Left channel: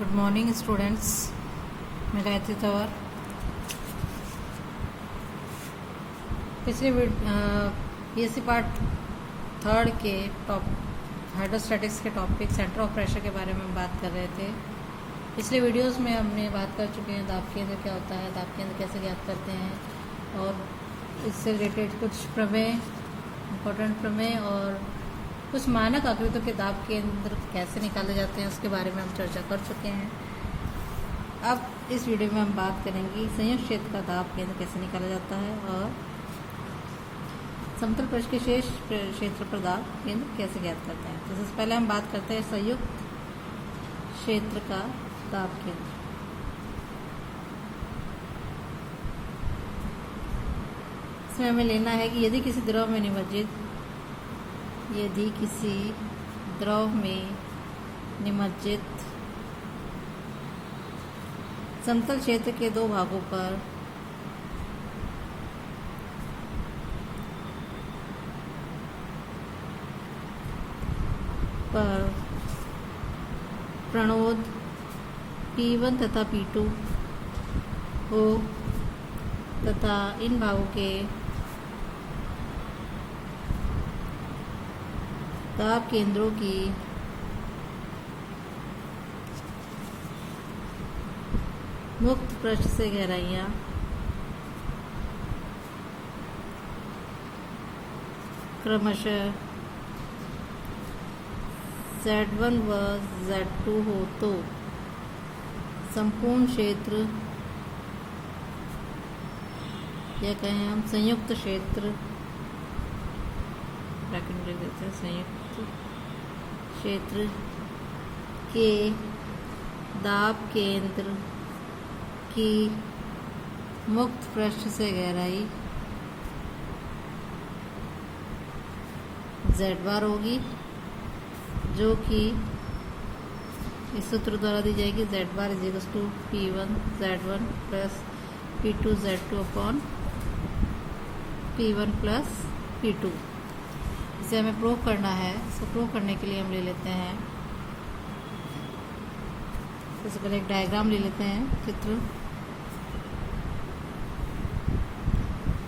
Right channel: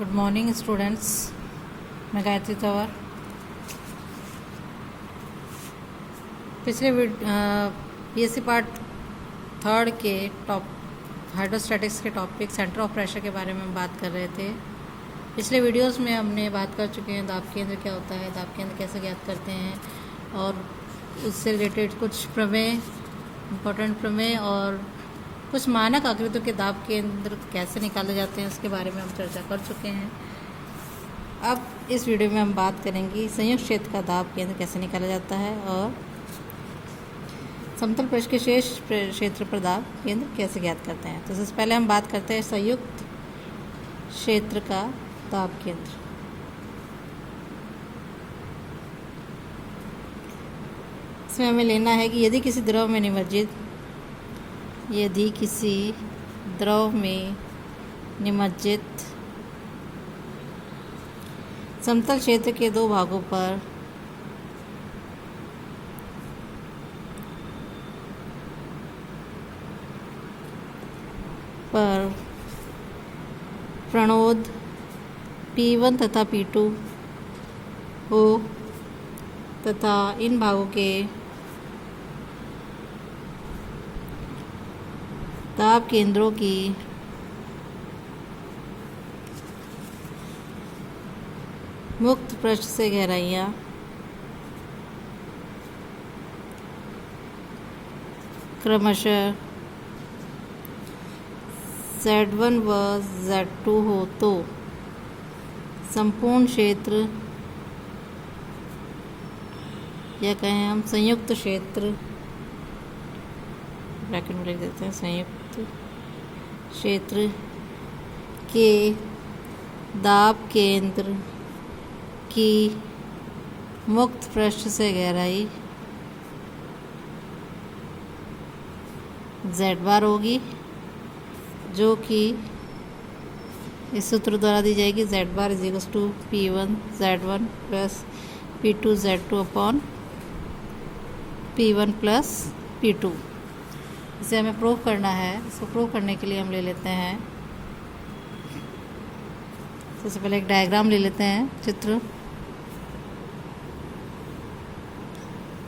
Good morning students. मैं गायत्री तंवर। पिछले BSc part third के हाइड्रोस्टैटिक्स के टॉपिक सेंटर ऑफ प्रेशर के बारे में बात कर रहे थे। पिछले वीडियोस में हमने बात कर चुके हैं दाब केंद्र क्या होता है, दाब केंद्र कैसे ज्ञात करते हैं और इससे रिलेटेड कुछ प्रमेय, इम्पोर्टेंट प्रमेय और कुछ मानक आकृतियों के दाब केंद्र कैसे निकाले जाते हैं उसके बारे में हम चर्चा कर चुके हैं। अब इस वीडियो में हम बात करेंगे संयुक्त क्षेत्र का दाब केंद्र कैसे निकाला जाता है और समतल पृष्ठ के शेष क्षेत्र पर दाब केंद्र कैसे ज्ञात करते हैं। तो सबसे पहले हम बात करते हैं संयुक्त क्षेत्र का दाब केंद्र। इसमें हमें लेना है कि यदि किसी द्रव में निमज्जित समतल क्षेत्र के दो भागों पर प्रणोद P1 तथा P2 हो तथा इन भागों के दाब केंद्रों की मुक्त पृष्ठ से गहराइयाँ क्रमशः Z1 व Z2 हो तो संपूर्ण क्षेत्र या कहें हम संयुक्त क्षेत्र, ब्रैकेट में लिख देते हैं, संयुक्त क्षेत्र के दाब केंद्र की मुक्त पृष्ठ से गहराई Z बार होगी, जो कि इस सूत्र द्वारा दी जाएगी। Z bar is to P1 Z1 plus P2 Z2 upon P1 plus P2। इसे हमें प्रूव करना है। इसको प्रूव करने के लिए हम ले लेते हैं, सबसे पहले एक डायग्राम ले लेते हैं, चित्र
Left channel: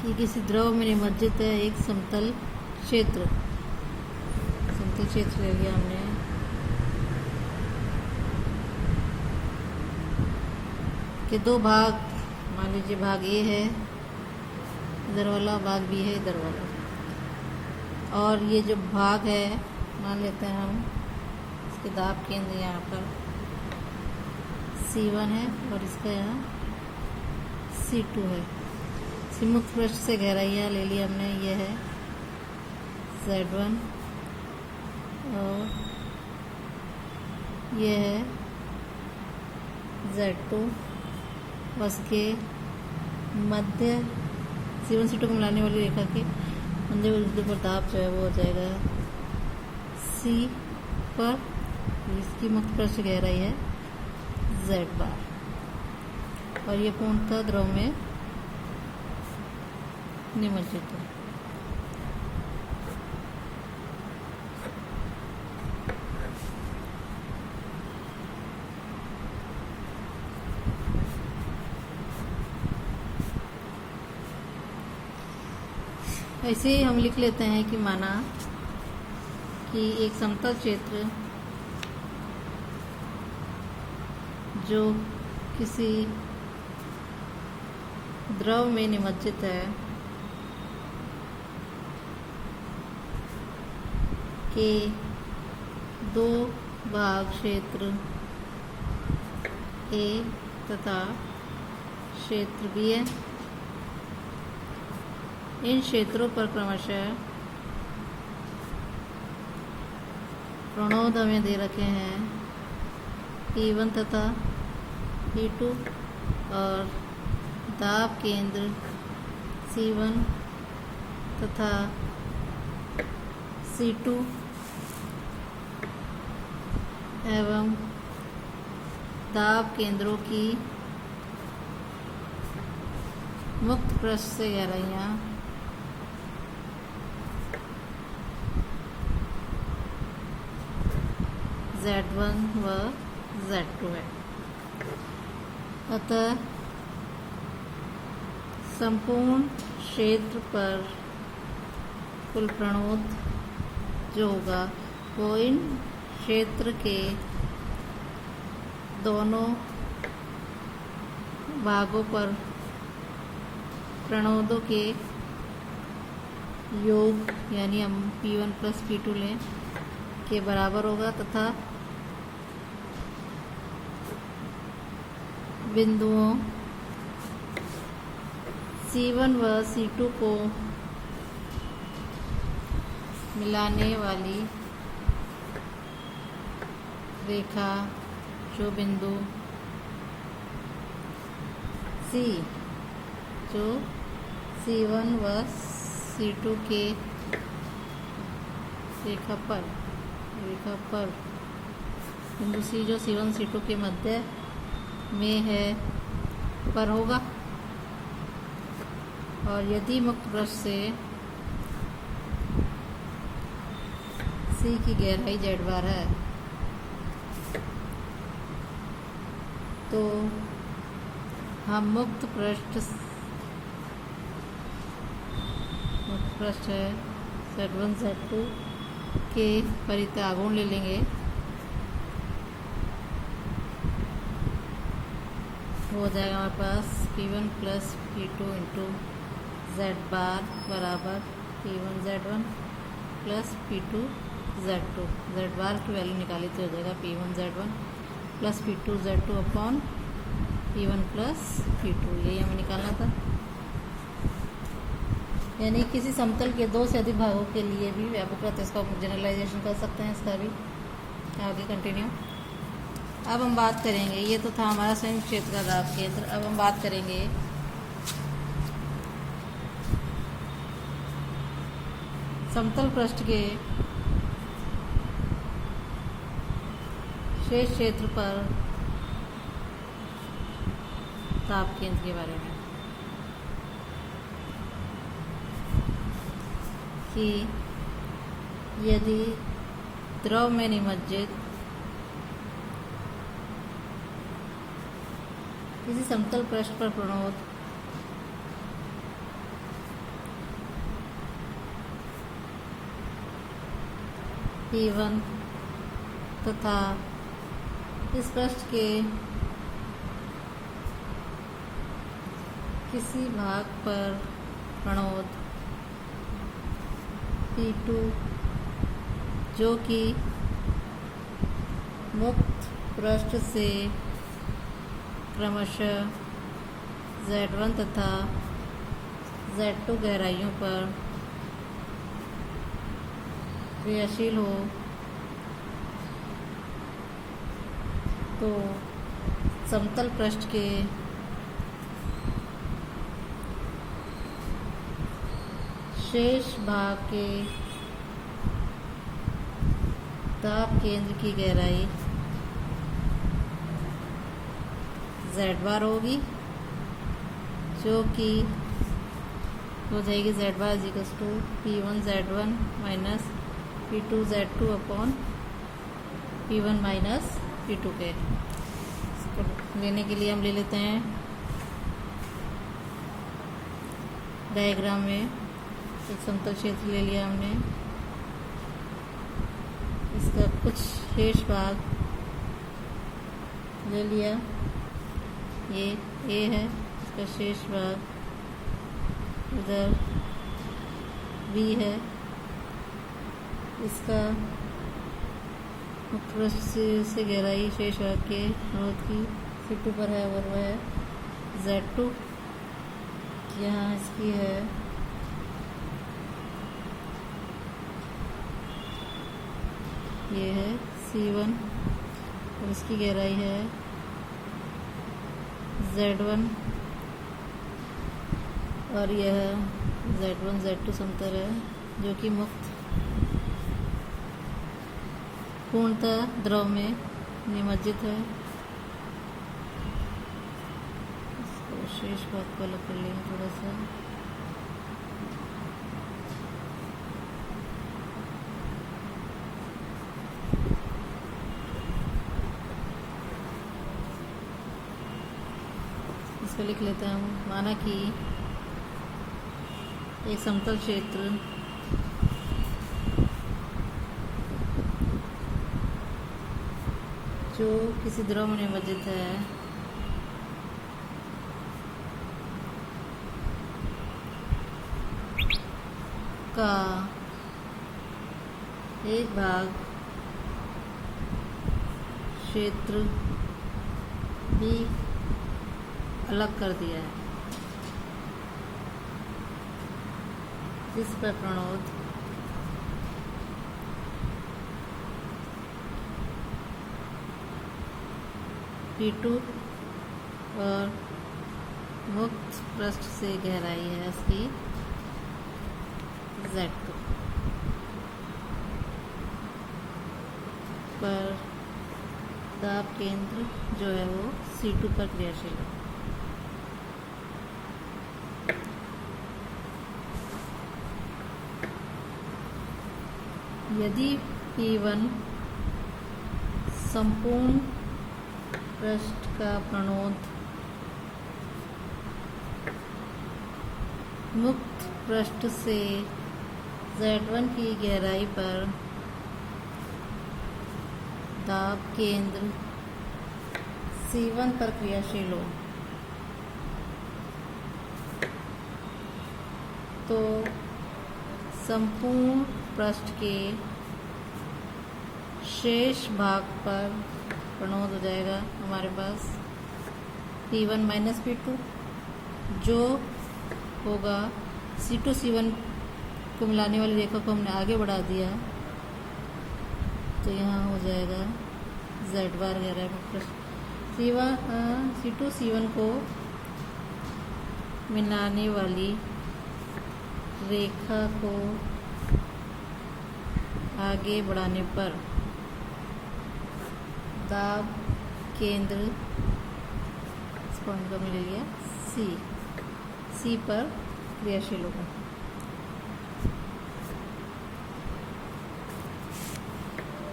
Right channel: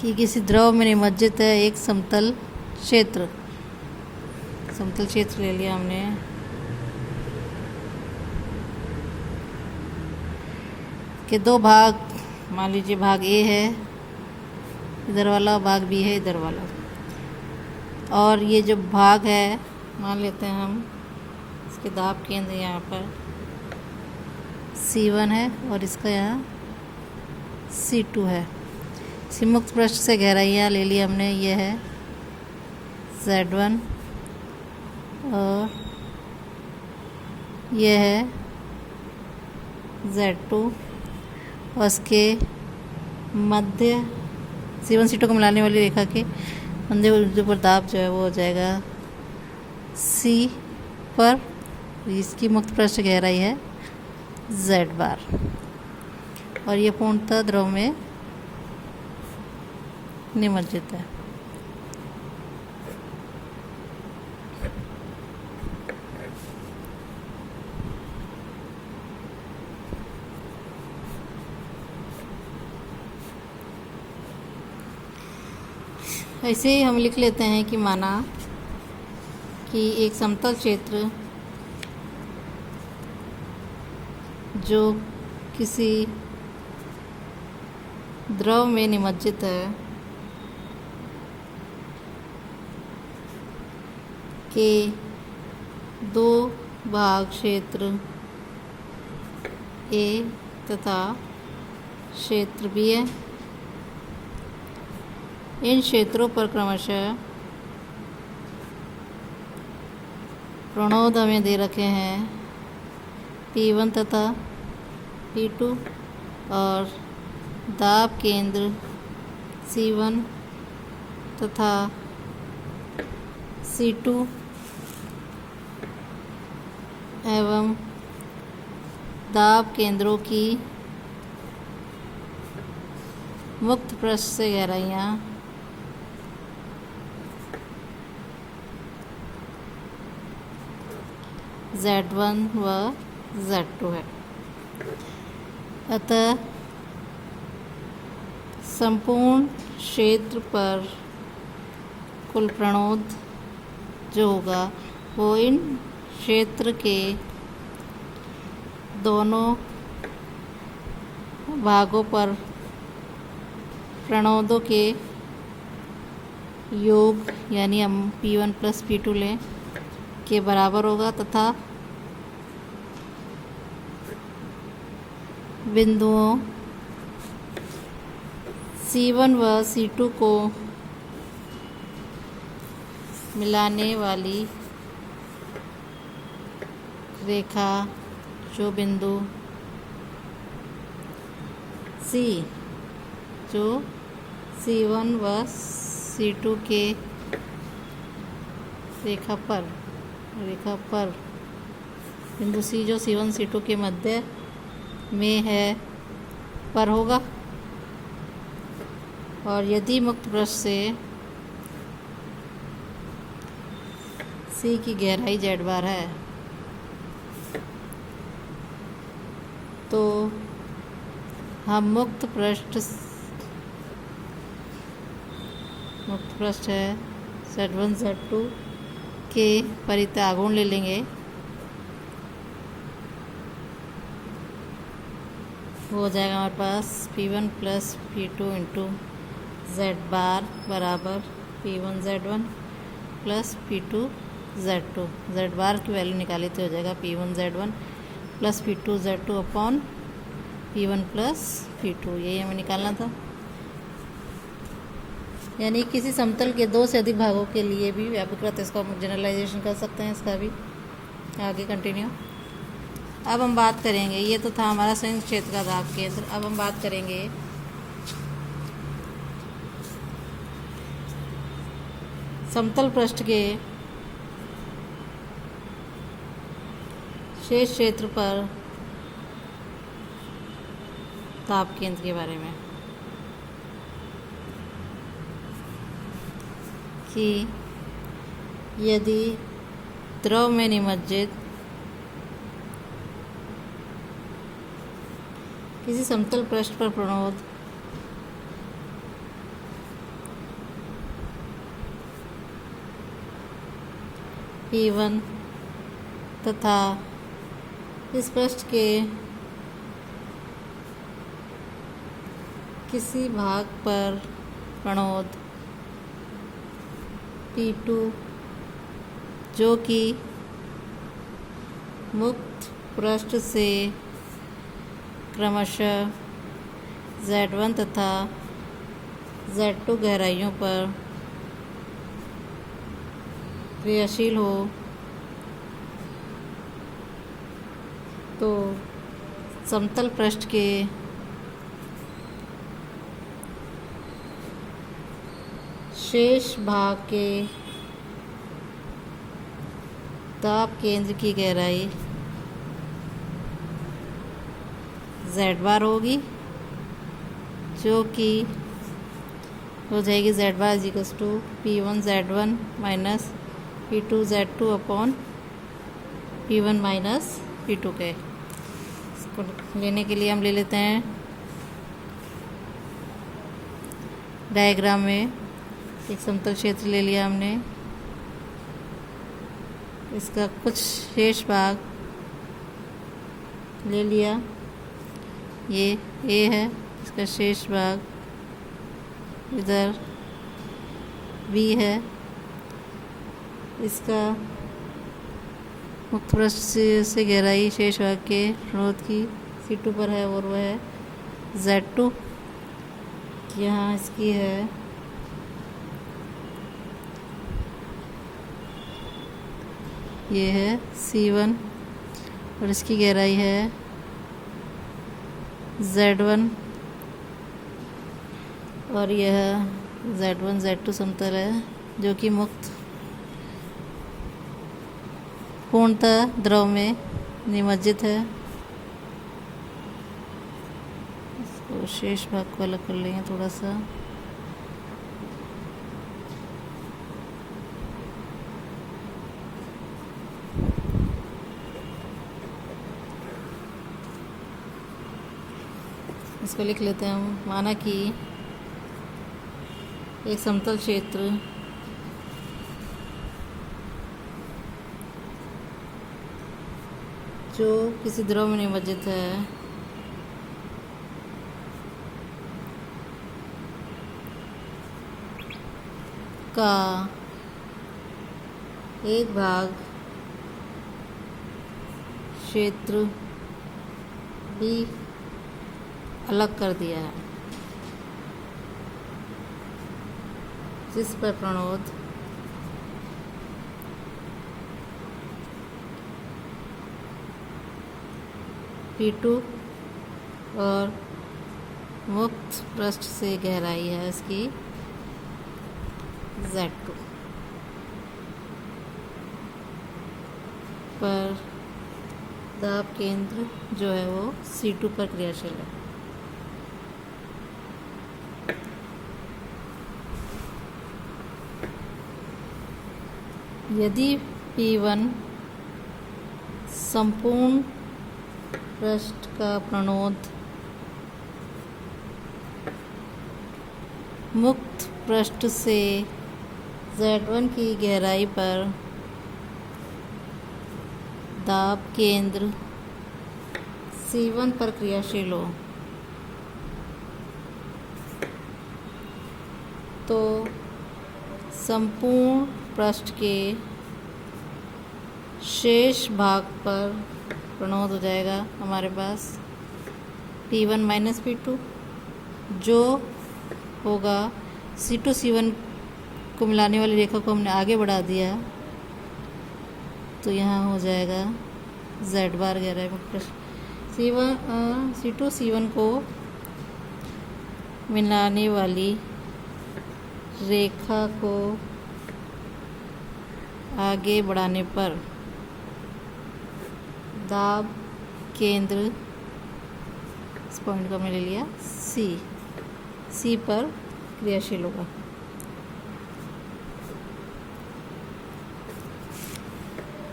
कि किसी द्रव में निमज्जित है एक समतल क्षेत्र ले लिया हमने। के दो भाग, मान लीजिए भाग ए है इधर वाला, भाग बी है इधर वाला, और ये जो भाग है मान लेते हैं हम इसके दाब केंद्र यहाँ पर C1 है और इसका यहाँ C2 है। इसी मुक्त पृष्ठ से गहराइयाँ ले ली हमने, ये है Z1 और ये है Z2 और इसके मध्य C1 C2 को मिलाने वाली रेखा के मध्य पर दाब जो है वो हो जाएगा C पर। इसकी मुक्त पृष्ठ गहराई है Z बार और ये पूर्णतः द्रव में निमज्जित है। ऐसे ही हम लिख लेते हैं कि माना कि एक समतल क्षेत्र जो किसी द्रव में निमज्जित है के दो भाग क्षेत्र A तथा क्षेत्र B है। इन क्षेत्रों पर क्रमशः प्रणोद हमें दे रखे हैं P1 तथा P2 और दाब केंद्र C1 तथा C2 एवं दाब केंद्रों की मुक्त पृष्ठ से गहराइयाँ Z1 व Z2 है। अतः संपूर्ण क्षेत्र पर कुल प्रणोद जो होगा वो इन क्षेत्र के दोनों भागों पर प्रणोदों के योग यानी हम P1 प्लस P2 लें के बराबर होगा तथा बिंदुओं C1 व C2 को मिलाने वाली रेखा जो बिंदु C जो C1 व C2 के रेखा पर बिंदु C जो C1 C2 के मध्य में है पर होगा। और यदि मुक्त पृष्ठ से C की गहराई Z बार है तो हम मुक्त पृष्ठ है Z1 Z2 के परितागुण ले लेंगे। हो जाएगा हमारे पास P1 plus P2 into Z बार बराबर P1 Z1 plus P2 Z2। Z बार की वैल्यू निकाली तो हो जाएगा P1 Z1 plus P2 Z2 upon P1 plus P2। यही हमें निकालना था। यानी किसी समतल के दो से अधिक भागों के लिए भी व्यापकता इसका जनरलाइजेशन कर सकते हैं। इसका भी आगे कंटिन्यू। अब हम बात करेंगे, ये तो था हमारा संयुक्त क्षेत्र का दाब केंद्र। अब हम बात करेंगे समतल पृष्ठ के शेष क्षेत्र पर दाब केंद्र के बारे में कि यदि द्रव में निमज्जित किसी समतल पृष्ठ पर प्रणोद P1 तथा इस पृष्ठ के किसी भाग पर प्रणोद P2 जो कि मुक्त पृष्ठ से क्रमशः Z1 तथा Z2 गहराइयों पर क्रियाशील हो तो समतल पृष्ठ के शेष भाग के दाब केंद्र की गहराई Z बार होगी जो कि हो जाएगी Z bar is equals to P1 Z1 minus P2 Z2 upon P1 minus P2 के। इसको लेने के लिए हम ले लेते हैं डायग्राम में एक समतल क्षेत्र ले लिया हमने। इसका कुछ शेष भाग ले लिया, ये A है, इसका शेष भाग इधर B है। इसका मुक्त पृष्ठ से गहराई शेष भाग के प्रणोद की C2 पर है और वह है Z2। यहाँ इसकी है ये है C1 और इसकी गहराई है Z1 और यह Z1 Z2 समतल है जो कि मुक्त पूर्णतः द्रव में निमज्जित है। इसको शेष भाग को अलग कर लेंगे थोड़ा सा। इसको लिख लेते हैं हम। माना कि एक समतल क्षेत्र जो किसी द्रव में निमज्जित है का एक भाग क्षेत्र भी अलग कर दिया है, जिस पर प्रणोद P2 और मुक्त पृष्ठ से गहराई है इसकी Z2 पर दाब केंद्र जो है वो C2 पर क्रियाशील है। यदि P1 संपूर्ण पृष्ठ का प्रणोद मुक्त पृष्ठ से Z1 की गहराई पर दाब केंद्र C1 पर क्रियाशील हो, तो संपूर्ण पृष्ठ के शेष भाग पर प्रणोद हो जाएगा हमारे पास P1 माइनस P2, जो होगा C2 C1 को मिलाने वाली रेखा को हमने आगे बढ़ा दिया, तो यहाँ हो जाएगा Z बार गहराई में C2 C1 को मिलाने वाली रेखा को आगे बढ़ाने पर दाब केंद्र, इस पॉइंट को मैंने ले लिया C पर क्रियाशील होगा।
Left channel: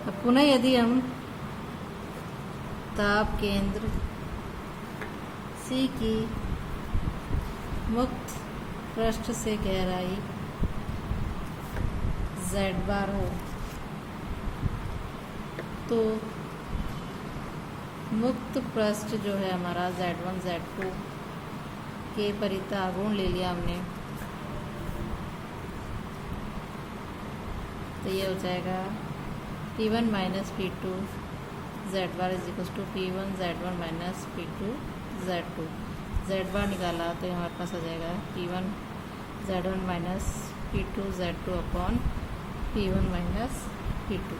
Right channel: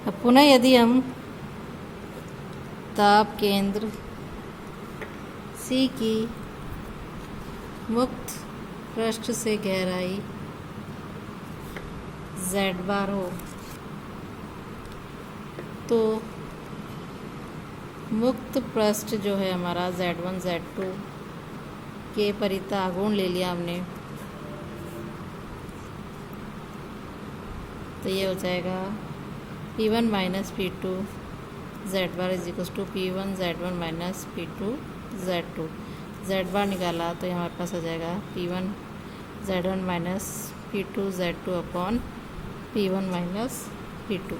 अब पुनः यदि हम दाब केंद्र C की मुक्त पृष्ठ से गहराई Z बार हो, तो मुक्त पृष्ठ जो है हमारा Z1 Z2 के परिता आघूर्ण ले लिया हमने, तो ये हो जाएगा P1 minus P2 Z bar is equal to P1 Z1 minus P2 Z2। Z bar निकाला तो हमारे पास हो जाएगा P1 Z1 minus P2 Z2 upon P1 minus P2।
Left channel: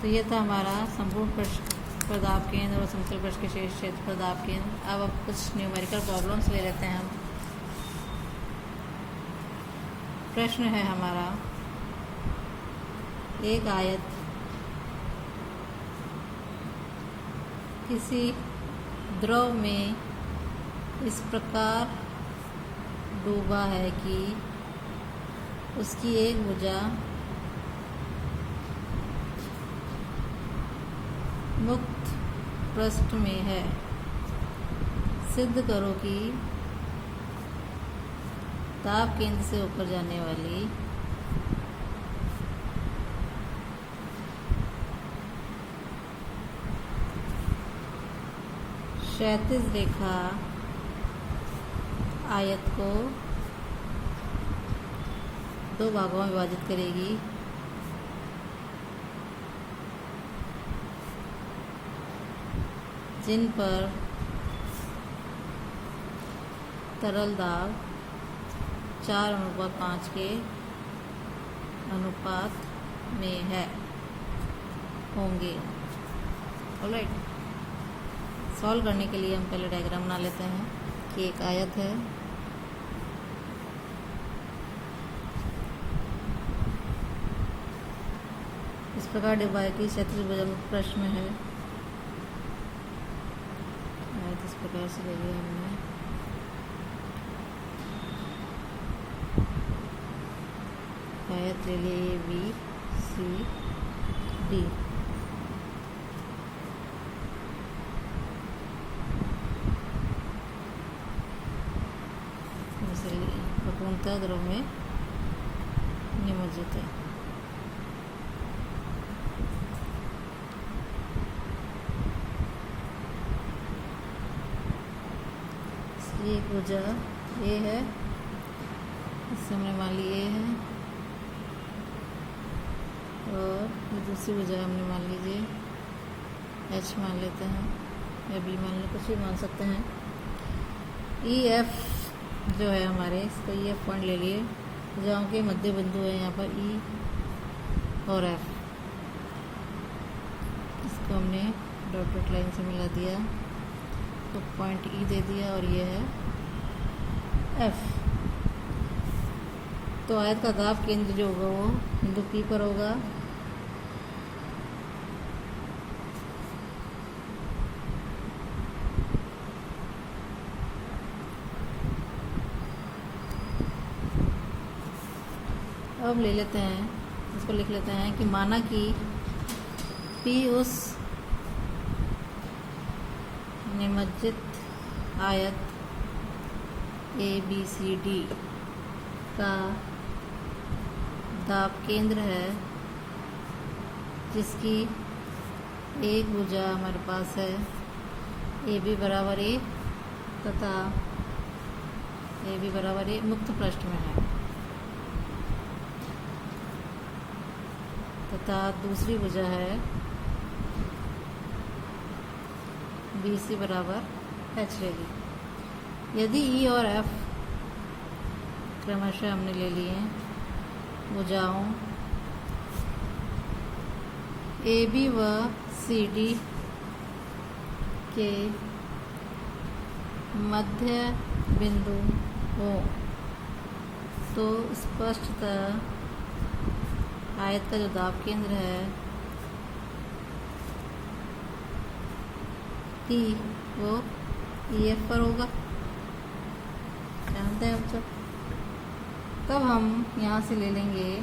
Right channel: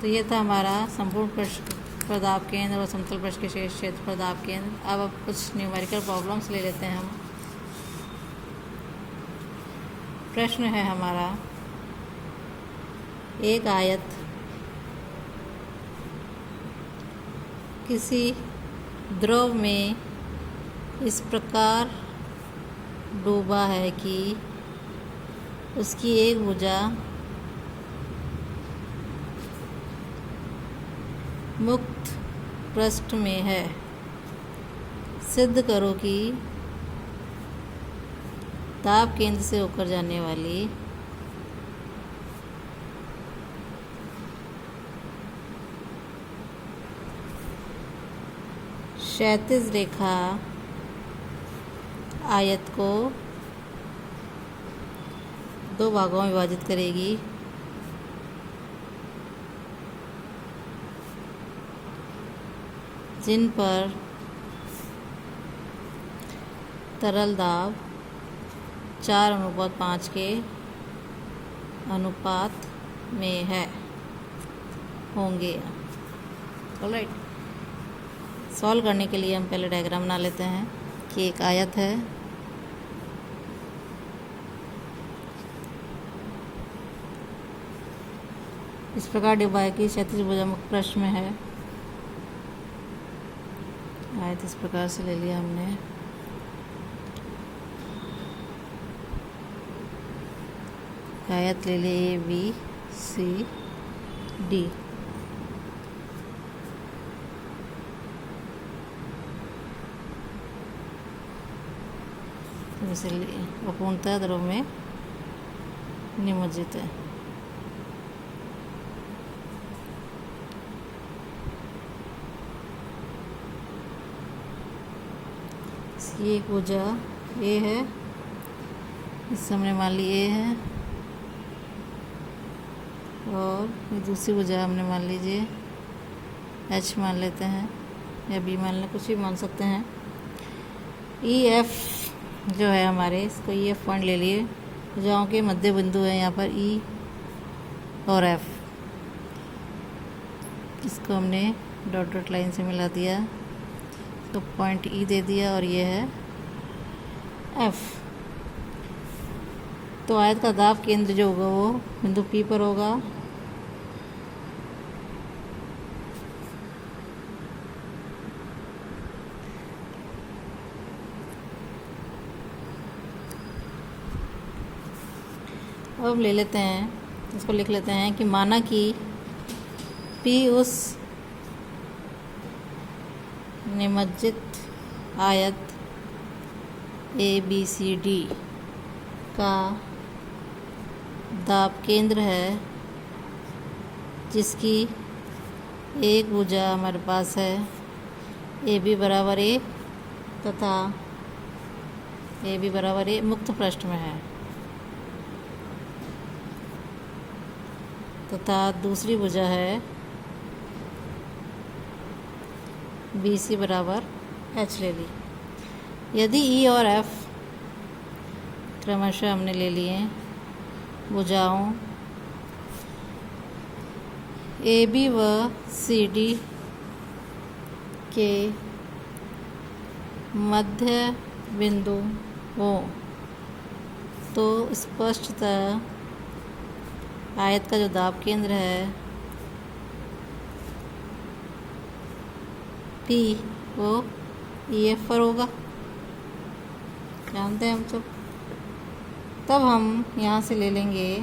तो ये था हमारा संपूर्ण पृष्ठ पर दाब केंद्र और समतल पृष्ठ के शेष क्षेत्र पर दाब केंद्र। अब कुछ न्यूमेरिकल प्रॉब्लम्स ले लेते हैं हम। प्रश्न है हमारा, एक आयत किसी द्रव में इस प्रकार डूबा है कि उसकी एक भुजा मुक्त पृष्ठ में है। सिद्ध करो कि दाब केंद्र से होकर जाने वाली क्षैतिज रेखा आयत को दो भागों में विभाजित करेगी, जिन पर तरल दाब 4:5 के अनुपात में है होंगे। ऑलराइट, सॉल्व करने के लिए हम पहले डायग्राम बना लेते हैं कि एक आयत है, इस प्रकार डिवाइड की क्षैतिज भुजा मुक्त पृष्ठ में है। आयत इस प्रकार से ले लिया हमने। आयत ले लिए A B C D। इसलिए वो पूर्णतः द्रव में निमज्जित है। ये ऊर्जा ए है, इससे हमने मान ली ए है, और ये दूसरी ऊर्जा हमने मान लीजिए एच मान लेते हैं या बी मान लें, कुछ भी मान सकते हैं। ई एफ जो है हमारे, इसको ई एफ पॉइंट ले लिए, ऊर्जाओं के मध्य बिंदु है यहाँ पर ई और एफ। इसको हमने डॉट डॉट लाइन से मिला दिया, तो पॉइंट ई दे दिया, और ये है एफ। तो आयत का दाब केंद्र जो होगा वो बिंदु पी पर होगा। अब ले लेते हैं, इसको लिख लेते हैं कि माना कि पी उस निमज्जित आयत ए बी सी डी का दाब केंद्र है, जिसकी एक भुजा हमारे पास है ए बी बराबर ए तथा ए बी बराबर ए मुक्त पृष्ठ में है, तथा दूसरी भुजा है बी सी बराबर एच ले ली। यदि ई और एफ क्रमशः हमने ले लिए भुजाओं ए बी व सी डी के मध्य बिंदु हो, तो स्पष्टतः आयत का जो दाब केंद्र है पी वो ई एफ पर होगा, जानते हैं हम तो। तब हम यहाँ से ले लेंगे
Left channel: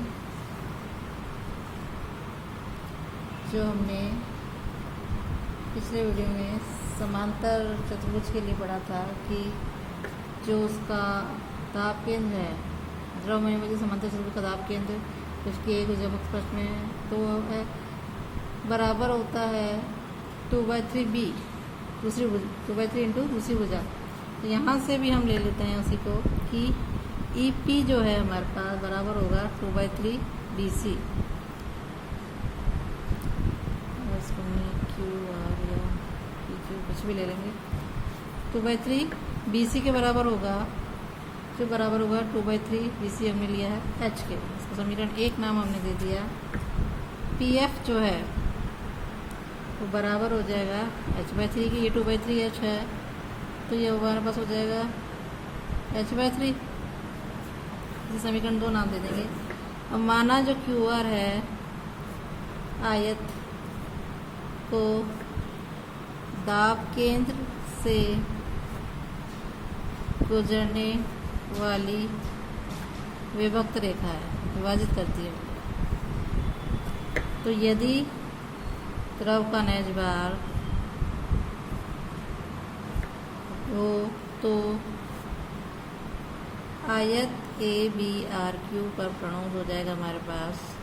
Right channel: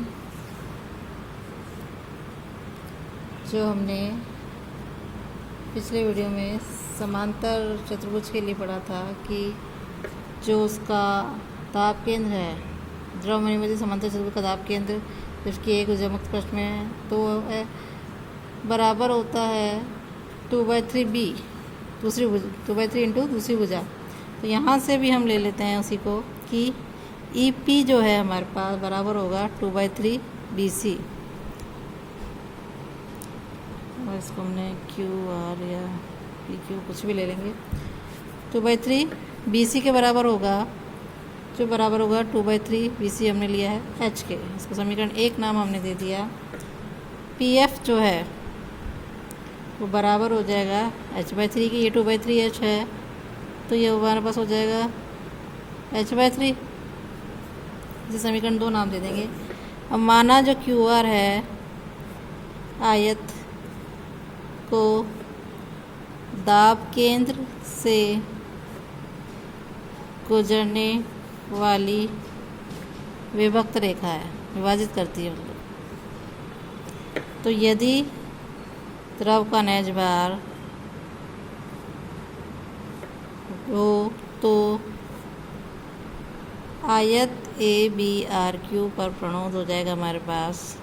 जो हमने पिछले वीडियो में समांतर चतुर्भुज के लिए पढ़ा था कि जो उसका दाब केंद्र है, द्रव में निमज्जित समांतर चतुर्भुज का दाब केंद्र जिसकी एक ऊर्जा मुक्त पृष्ठ में है, तो है बराबर होता है 2/3 बी, दूसरी 2/3 इंटू दूसरी भुजा। तो यहाँ से भी हम ले लेते हैं उसी को कि ई पी जो है हमारे पास बराबर होगा 2/3 बी सी, और इसको हमने क्यू आर या पी क्यू कुछ भी ले लेंगे। 2/3 बी सी के बराबर होगा, जो बराबर होगा 2/3 बी सी हमने लिया है एच के। इसको समीकरण एक नाम हमने दे दिया। पी एफ जो है वो बराबर हो जाएगा h/3 की, ये 2/3 एच है, तो ये हमारे पास हो जाएगा h/3। इसे समीकरण दो नाम दे देंगे। अब माना जो क्यू आर है आयत को दाब केंद्र से गुजरने वाली विभक्त रेखा है, विभाजित करती है। तो यदि द्रव का नेज भार हो तो आयत ए बी आर क्यू पर प्रणोद हो जाएगा हमारे पास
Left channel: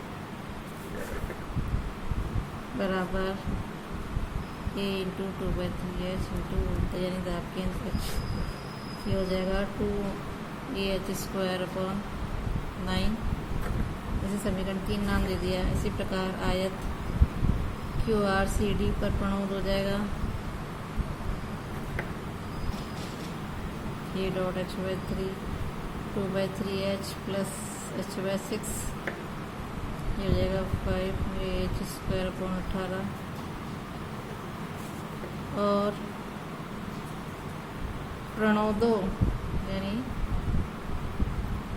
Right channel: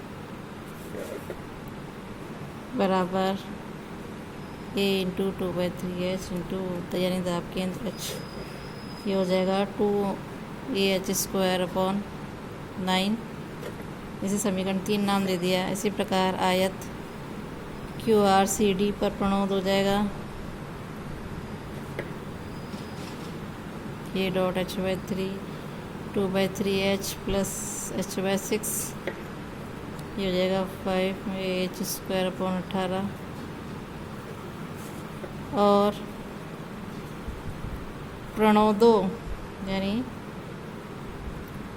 बराबर ए इंटू 2/3 एच इंटू यानी दाब केंद्र एच, ये हो जाएगा 2AH²/9। इसे समीकरण 3 नाम दे दिया। इसी प्रकार आयत क्यू आर सी डी पर प्रणोद हो जाएगा ये dot h/3 2/3 H plus h/6, ये हो जाएगा 5AH²/18। और प्रणोदों यानी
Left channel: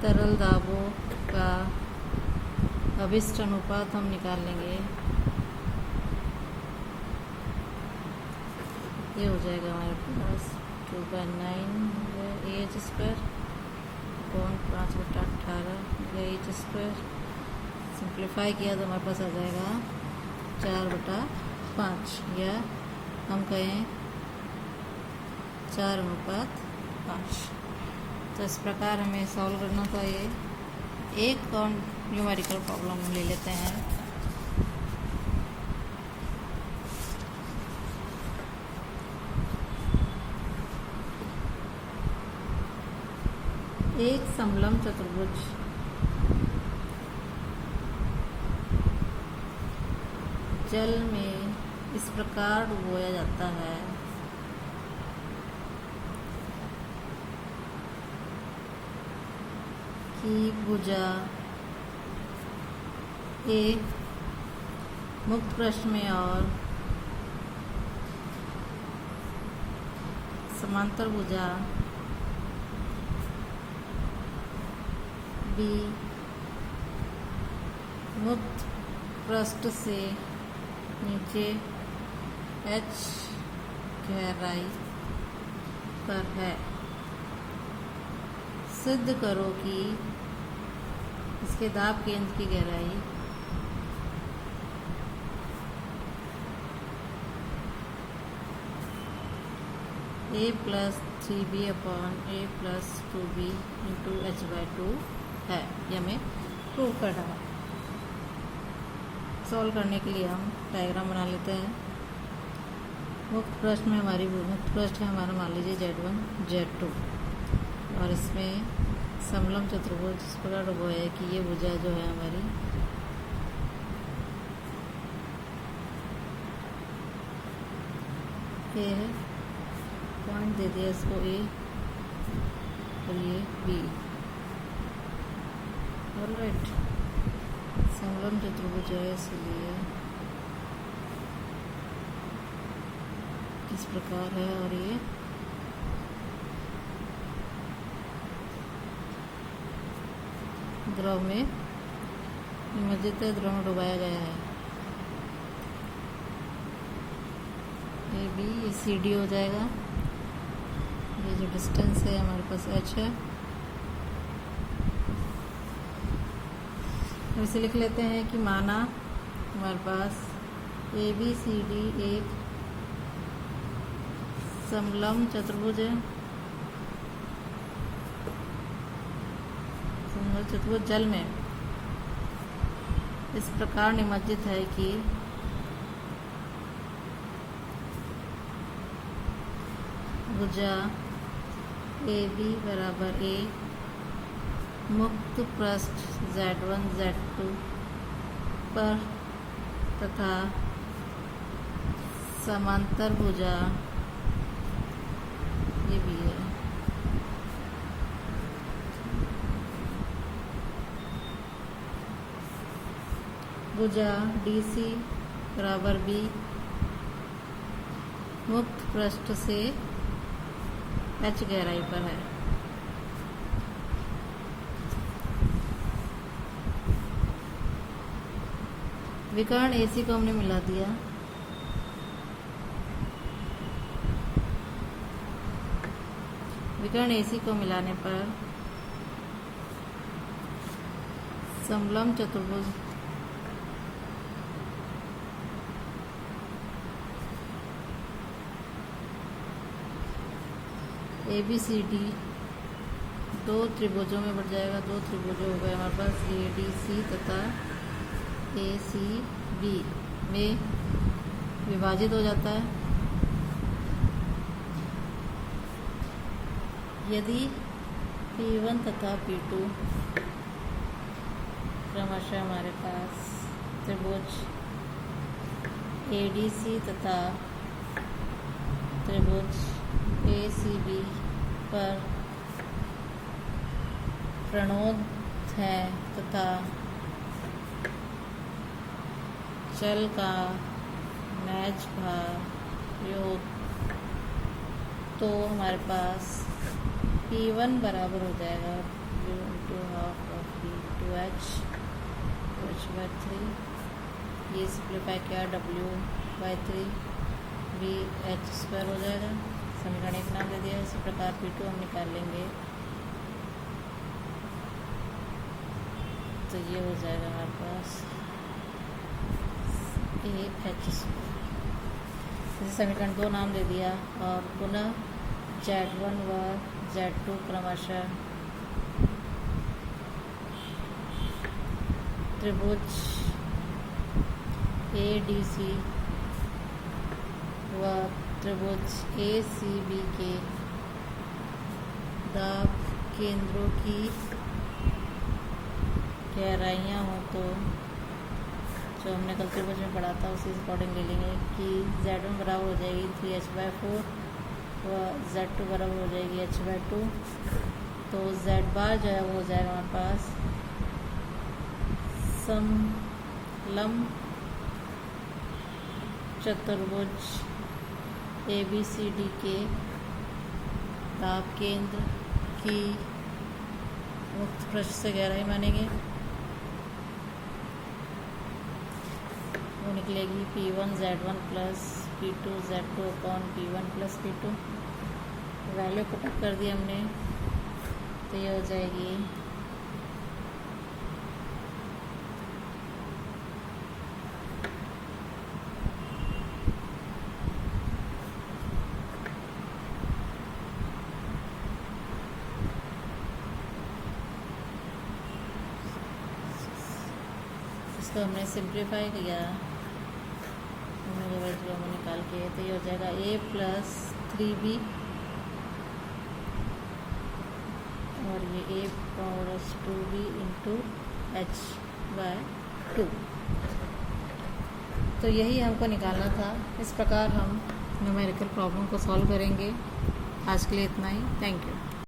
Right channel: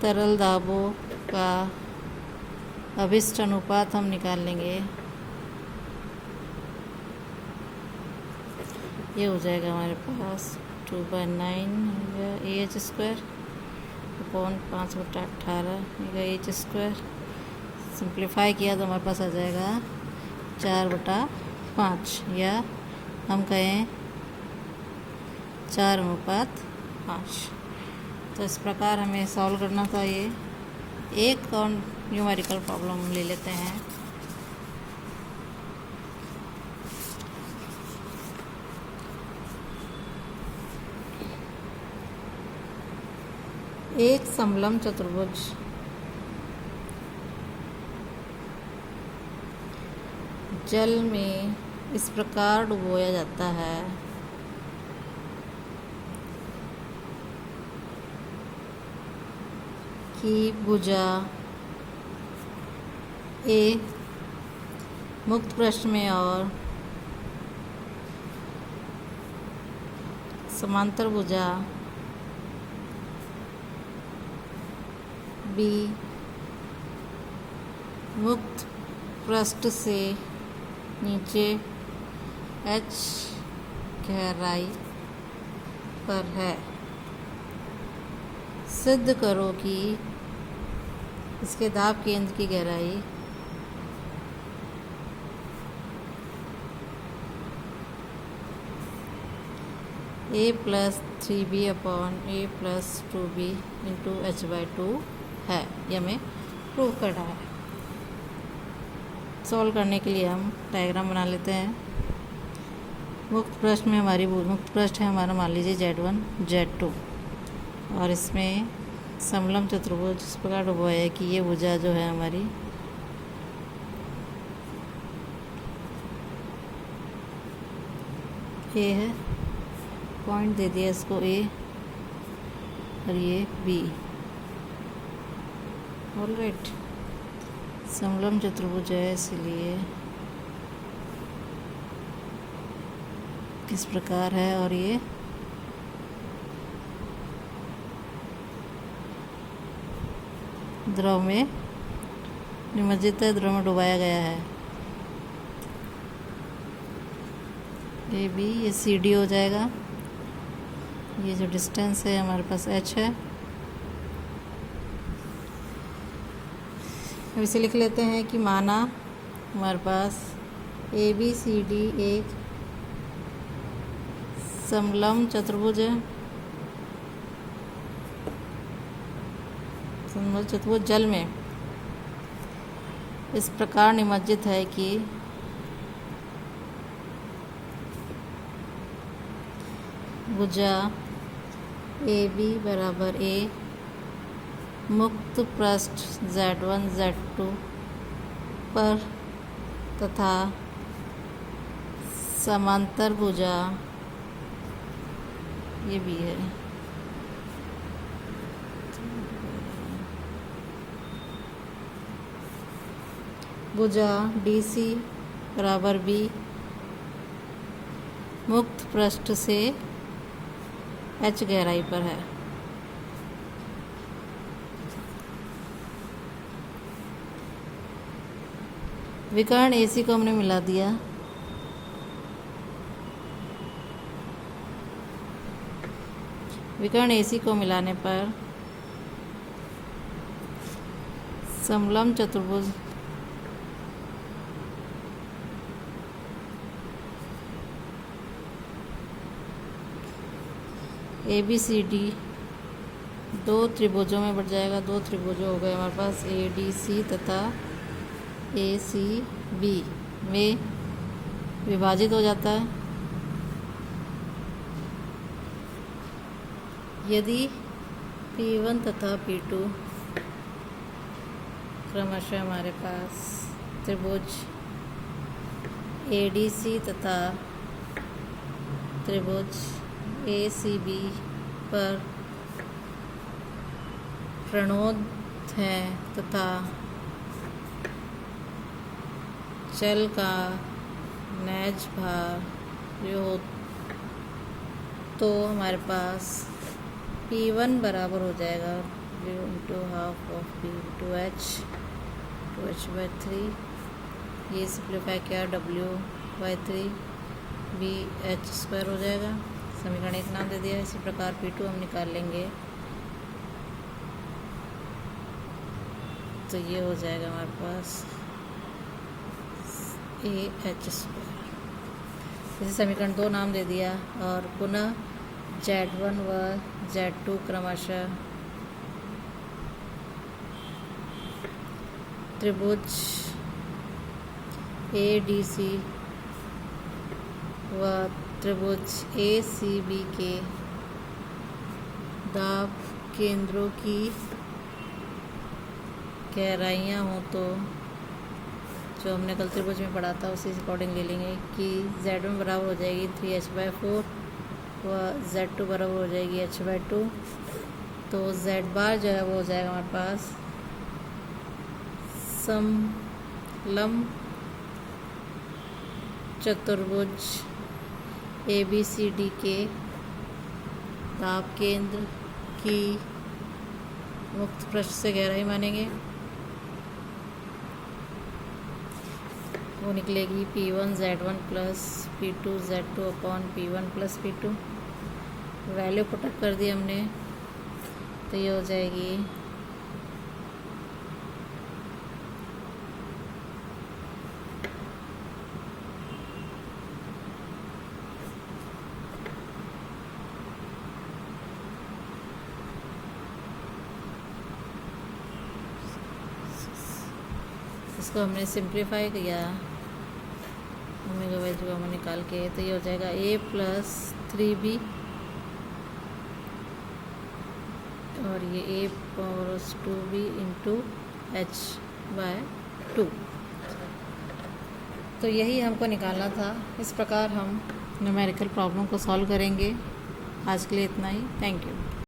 तरल दाबों का अभिष्ट अनुपात हम निकाल लेंगे। ये हो जाएगा हमारे पास 2/9 AH² अपॉन 5/18 AH²। सिंप्लीफाई किया तो हमारे पास आ जाएगा 4/5, या हम कहें 4:5। तो इस प्रकार हमें सॉल्व करना था। ये एक और न्यूमेरिकल प्रॉब्लम ले लेते हैं। एक समलंब चतुर्भुज जल में इस प्रकार डुबोया जाता है कि भुजा ए मुक्त पृष्ठ में और समांतर भुजा बी मुक्त पृष्ठ से नीचे h गहराई पर है। सिद्ध करो कि इसके दाब केंद्र की गहराई a + 3b upon a + 2b into h/2 है। ये हमें प्रूव करना है। सॉल्व करने के लिए हम डायग्राम बना लेते हैं। मुक्त पृष्ठ में हमारी मुक्त पृष्ठ है हमारा, मान लीजिए Z1 Z2, और इसमें समलंब चतुर्भुज इस प्रकार डुबोया है कि ये भुजा जो है हमारी ए है, पॉइंट दे दिया इसको ए और ये बी। ऑलराइट, समलंब चतुर्भुज है इसलिए किस प्रकार है, और ये द्रव में निमज्जित है, द्रव में डुबाया गया है। ये बी, ये सी डी हो जाएगा। ये जो डिस्टेंस है हमारे पास h है। अब इसे लिख लेते हैं कि माना हमारे पास ए बी सी डी एक समलंब चतुर्भुज है। समलंब चतुर्भुज जल में इस प्रकार निमज्जित है कि भुजा ए बी बराबर ए मुक्त पृष्ठ Z1 Z2 पर तथा समांतर भुजा ये भी है भुजा DC बराबर B मुक्त पृष्ठ से h गहराई पर है। विकर्ण AC को हमने मिला दिया। विकर्ण AC को मिलाने पर समलंब चतुर्भुज ABCD दो त्रिभुजों में बढ़ जाएगा। दो त्रिभुजों हो गए हमारे पास ADC तथा ACB में विभाजित हो जाता है। यदि P1 तथा P2 क्रमशः हमारे पास त्रिभुज ADC तथा त्रिभुज ACB पर ऋणोद है तथा चल का नैज भार योग, तो हमारे पास P1 बराबर हो जाएगा U into half of B to H/3। ये सिंप्लीफाई किया W/3 BH² हो जाएगा। समीकरण एक नाम दे दिया। इसी प्रकार P2 हम निकाल लेंगे तो ये हो जाएगा हमारे पास AH²। इसे समीकरण 2 नाम दे दिया और पुनः Z1 व Z2 क्रमशः त्रिभुज ADC व त्रिभुज ACB के दाब केंद्रों की गहराइयाँ हो तो जो हमने कल त्रिभुज में पढ़ा था उसी अकॉर्डिंग ले लेंगे कि Z1 बराबर हो जाएगी 3h/4 व Z2 बराबर हो जाएगी h/2। तो Z बार जो है वो हो जाएगा हमारे पास समलंब चतुर्भुज ABCD के दाब केंद्र की मुक्त पृष्ठ से गहराई मानेंगे। वो निकलेगी P1 Z1 plus P2 Z2 upon P1 plus P2। Value put up कर दी हमने, तो ये हो जाएगी इसको हमने सिंप्लीफाई किया, वैल्यू हमें निकाल के, तो ये हो जाएगा A प्लस 3B और ये A plus 2B into h/2। तो यही हमको निकालना था। इस प्रकार हम न्यूमेरिकल प्रॉब्लम को सॉल्व करेंगे। आज के लिए इतना ही। Thank you.